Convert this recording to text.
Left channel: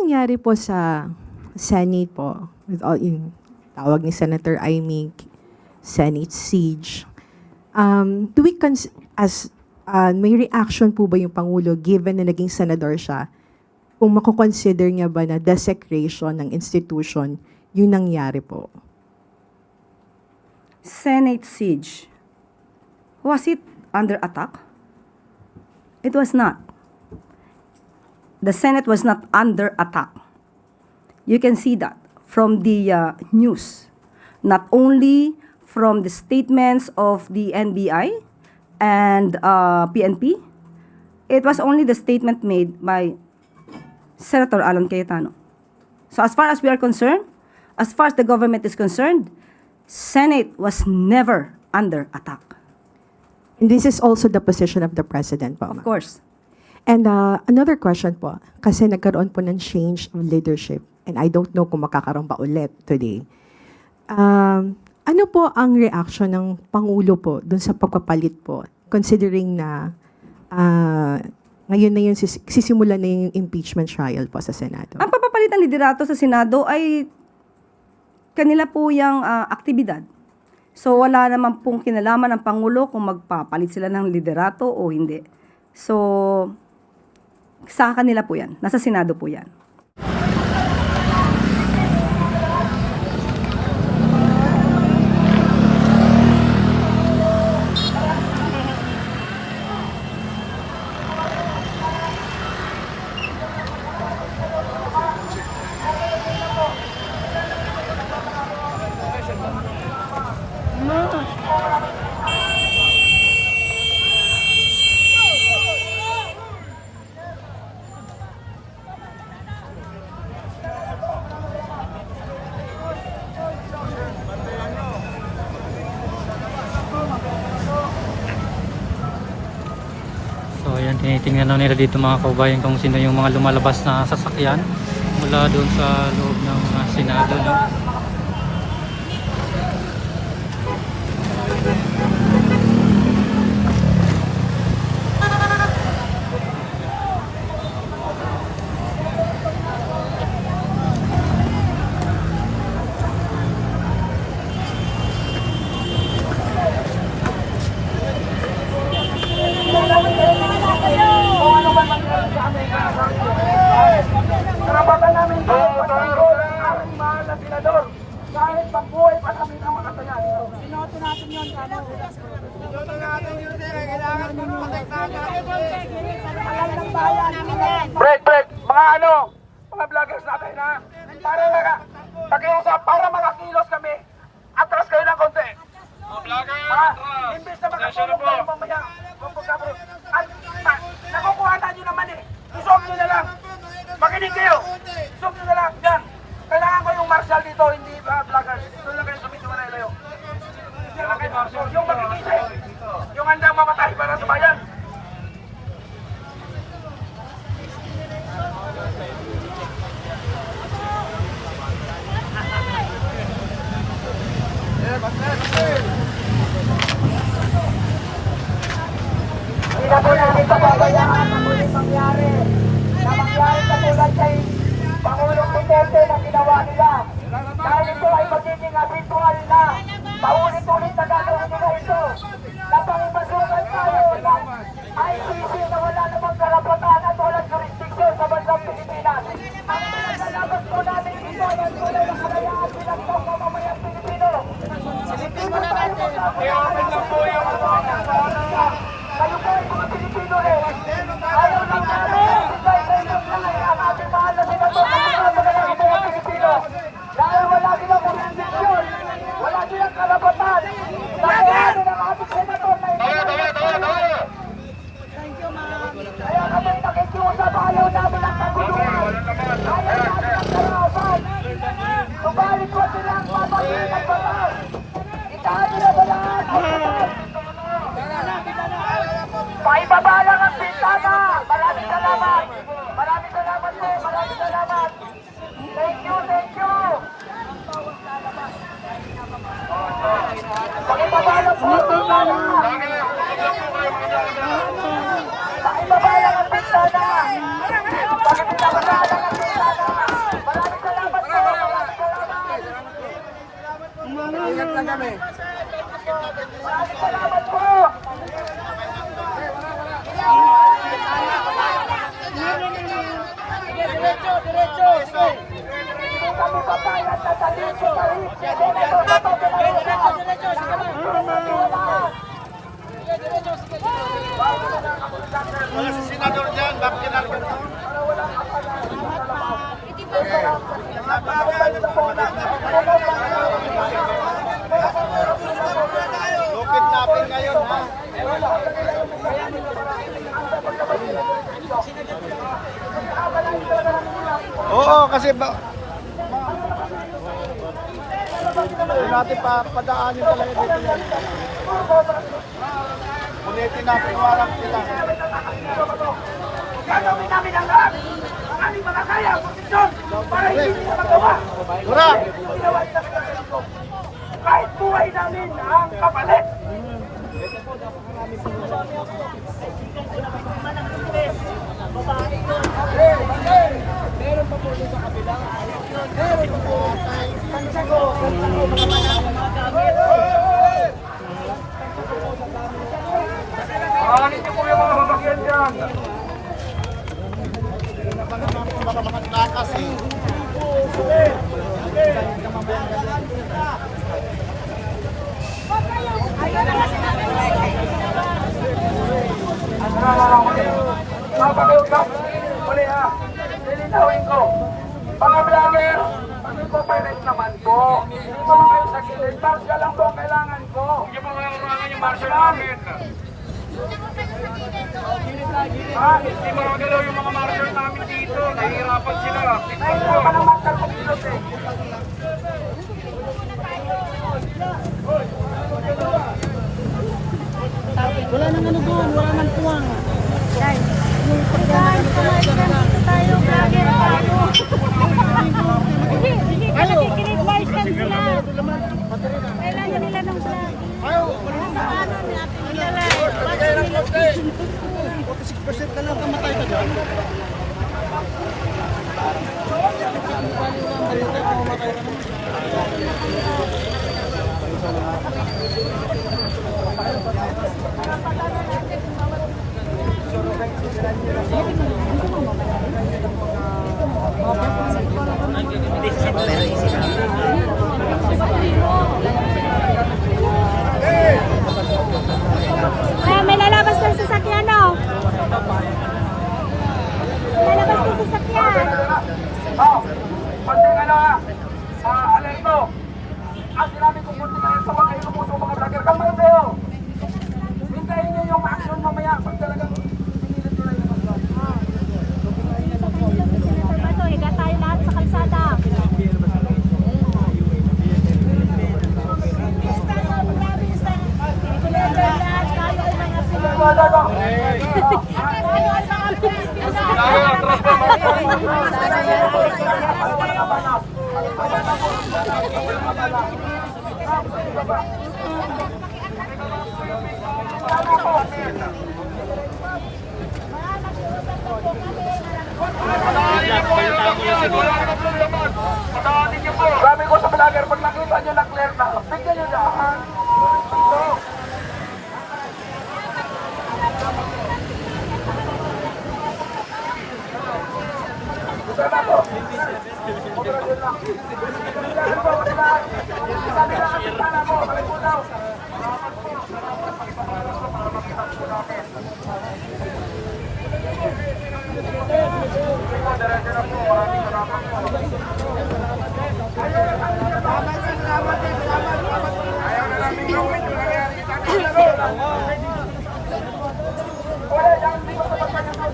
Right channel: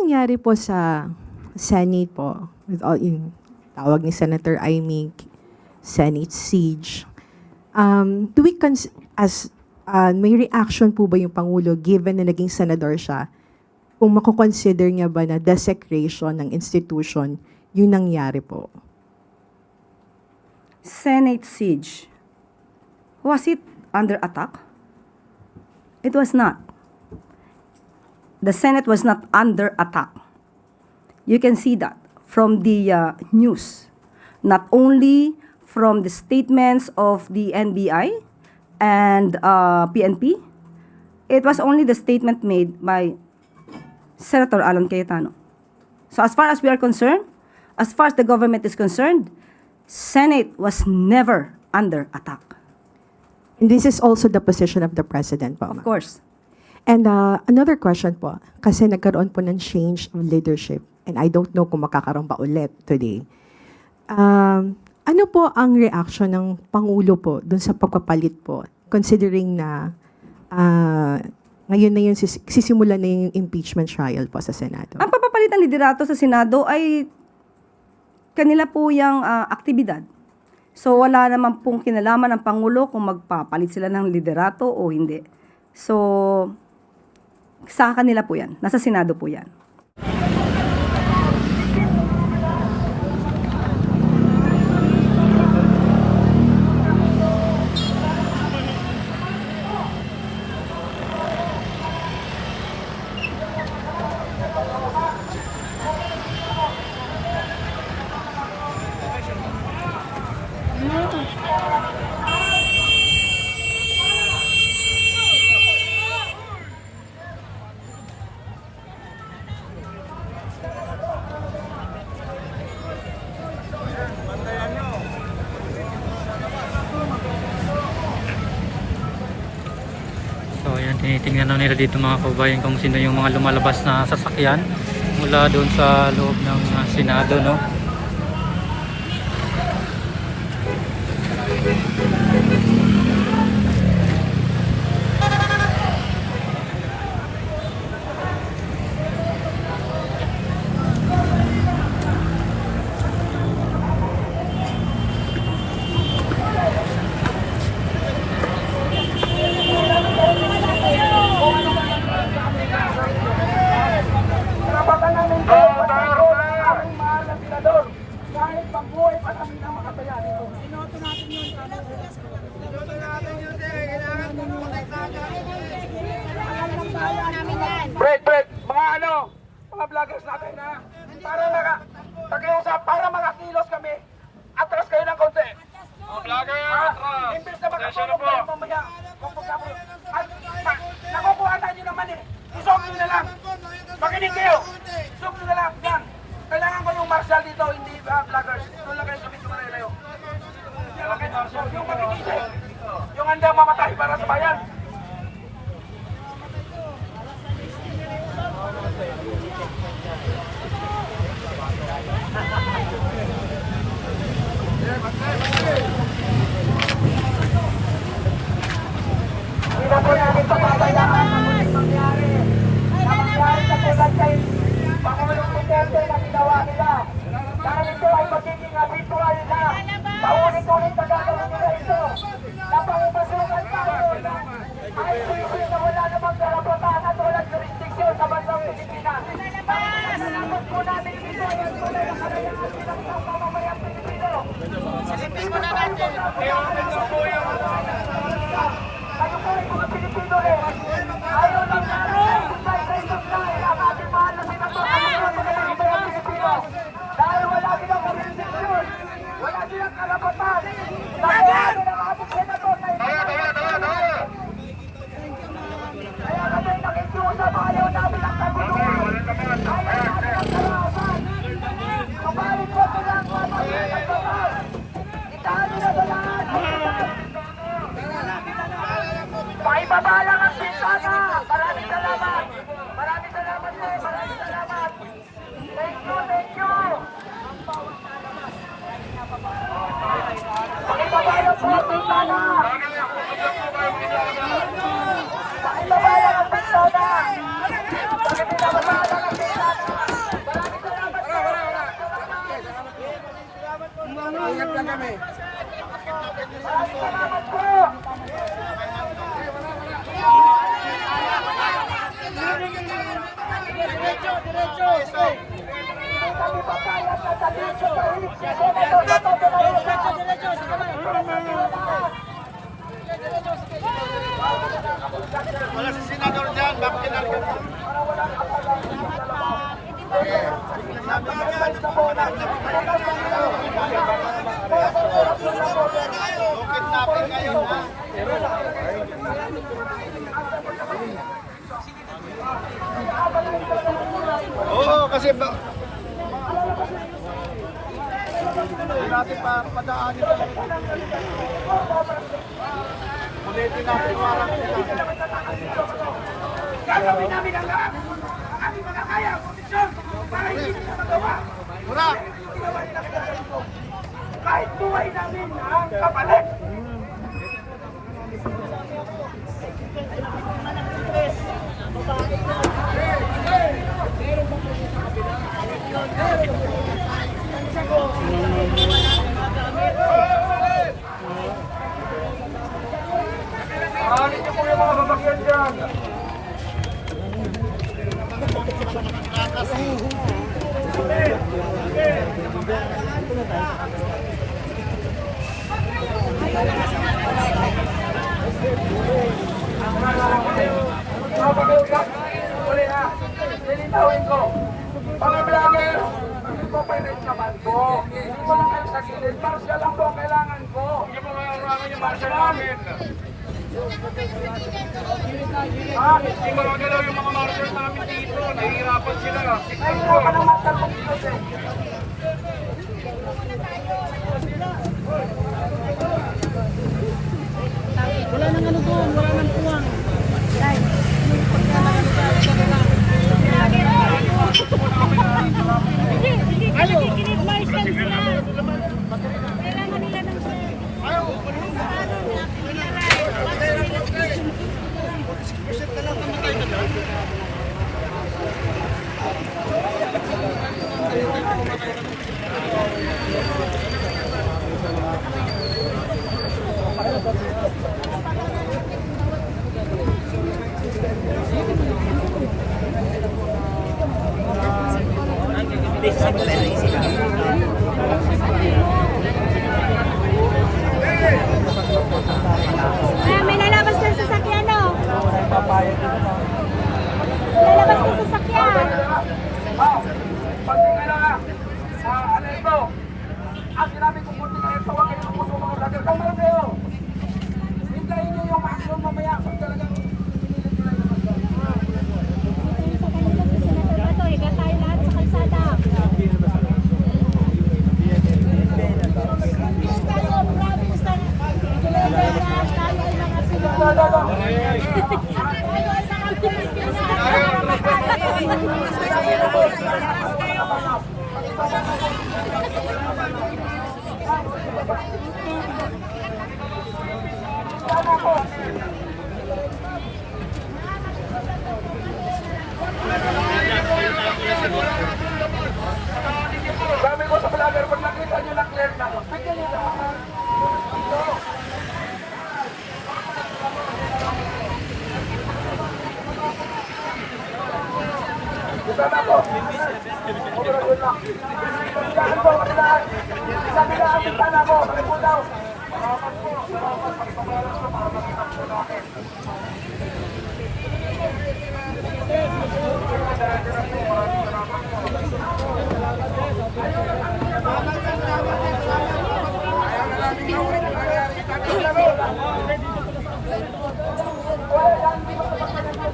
nangyari po sa Senate po with all yung tawag ni Senator Amy, Senate siege? Do we may reaction po ba yung Pangulo given na naging senador siya? Kung mako-consider niya ba na desecration ng institution yung nangyari po? Senate siege. Was it under attack? It was not. The Senate was not under attack. You can see that from the news, not only from the statements of the NBI and PNP. It was only the statement made by Senator Alan Cayetano. So as far as we are concerned, as far as the government is concerned, Senate was never under attack. And this is also the position of the President po, Of ma'am. course. And another question po, kasi nagkaroon po ng change of leadership and I don't know kung makakaroon pa ulit today. Ano po ang reaction ng Pangulo po dun sa pagpapalit po, considering na ngayon na yung sisimulan na yung impeachment trial po sa Senado? Ang papapalit ng liderato sa Senado ay kanila po yung aktibidad. So wala naman pong kinalaman ng Pangulo kung magpapalit sila ng liderato o hindi. So sa kanila po yan. Nasa Senado po yan. So ayan, tinitingnan na nila dito mga kaubayan kung sino yung mga lumalabas na sasakyan mula doon sa loob ng Senado, no? Karapatan namin ito, patuloy lang ang aming mahal na senador. Kahit pagbuhay pa namin ang makataya dito. Pinoto natin yun. Break! Mga mga vloggers natin ha. Pakiusap, para makakilos kami. Atras kayo ng konti. Mga vloggers! Imbes na makatulong kayo mamaya. At nakukuha na nyo naman eh. Isok nyo na lang. Makinig kayo. Isok nyo na lang. Yan. Kailangan ko yung marshal dito, hindi vloggers. Doon lang kayo sa medyo malayo. Yung makinisip. Yung handang mamatay para sa bayan. Pangulong Duterte na ginawa nila. Dahil ito ay magiging habitual na. Paulit-ulit na gagawin nila ito. Napangipasukan tayo ng Hindi kami papayag na dalhin sa sarili. Senator Bato de Maria. Wala si senador dyan, bakit kinakot? Bukit natin ngayon, ha? Oo, kasi ba... natin pa padaanin talaga dito. Ulitin natin warang Gagawin namin ang lahat. Ang aming mga kaya, posisyon, para hindi nila magawa. Ura! Ginawa nila sa ganito. Kahit buhay namin ang kapalit. Aanin niyo po yung mga sasakyan dyan. Mapakiusap, uli nga, lilinawin ko. Mga vlogger, mag-cooperate naman po. Dito lang kayo sa gilid, martial lang po ang kailangan ko. Hindi mo makurangan yung martial namin. Hindi mo magalaw yung mga martial namin dito. Nahihirapan sila. Nahihirapan ang martial kong dito eh. May lalabas ng sasakyan, no? Lalabas ng sasakyan. Pagtingin na, alerto. Ang sinabi ko po tingnan sa wag kayo puso mga vlogger. Kalmahin kayo. Hintayin niyo yung action mamaya pag talagang pinilit nila yung mga vlogger. Sa kanila si Senator Bato, higa tayo lahat sa kalsada. Tayo ay mga Pilipino. Tayo ay mga Pilipino. Sabi ko sa vlogger, pag nakita nyo na clear na, bigyan nyo na. Ito. Gusto na po. Obra yun lang. Sabi na ating tala mo, maliputaw. Ayaw na namin gawin yung nangyari sa ating laro. Wala, yan, hindi ko sa pagkakasal.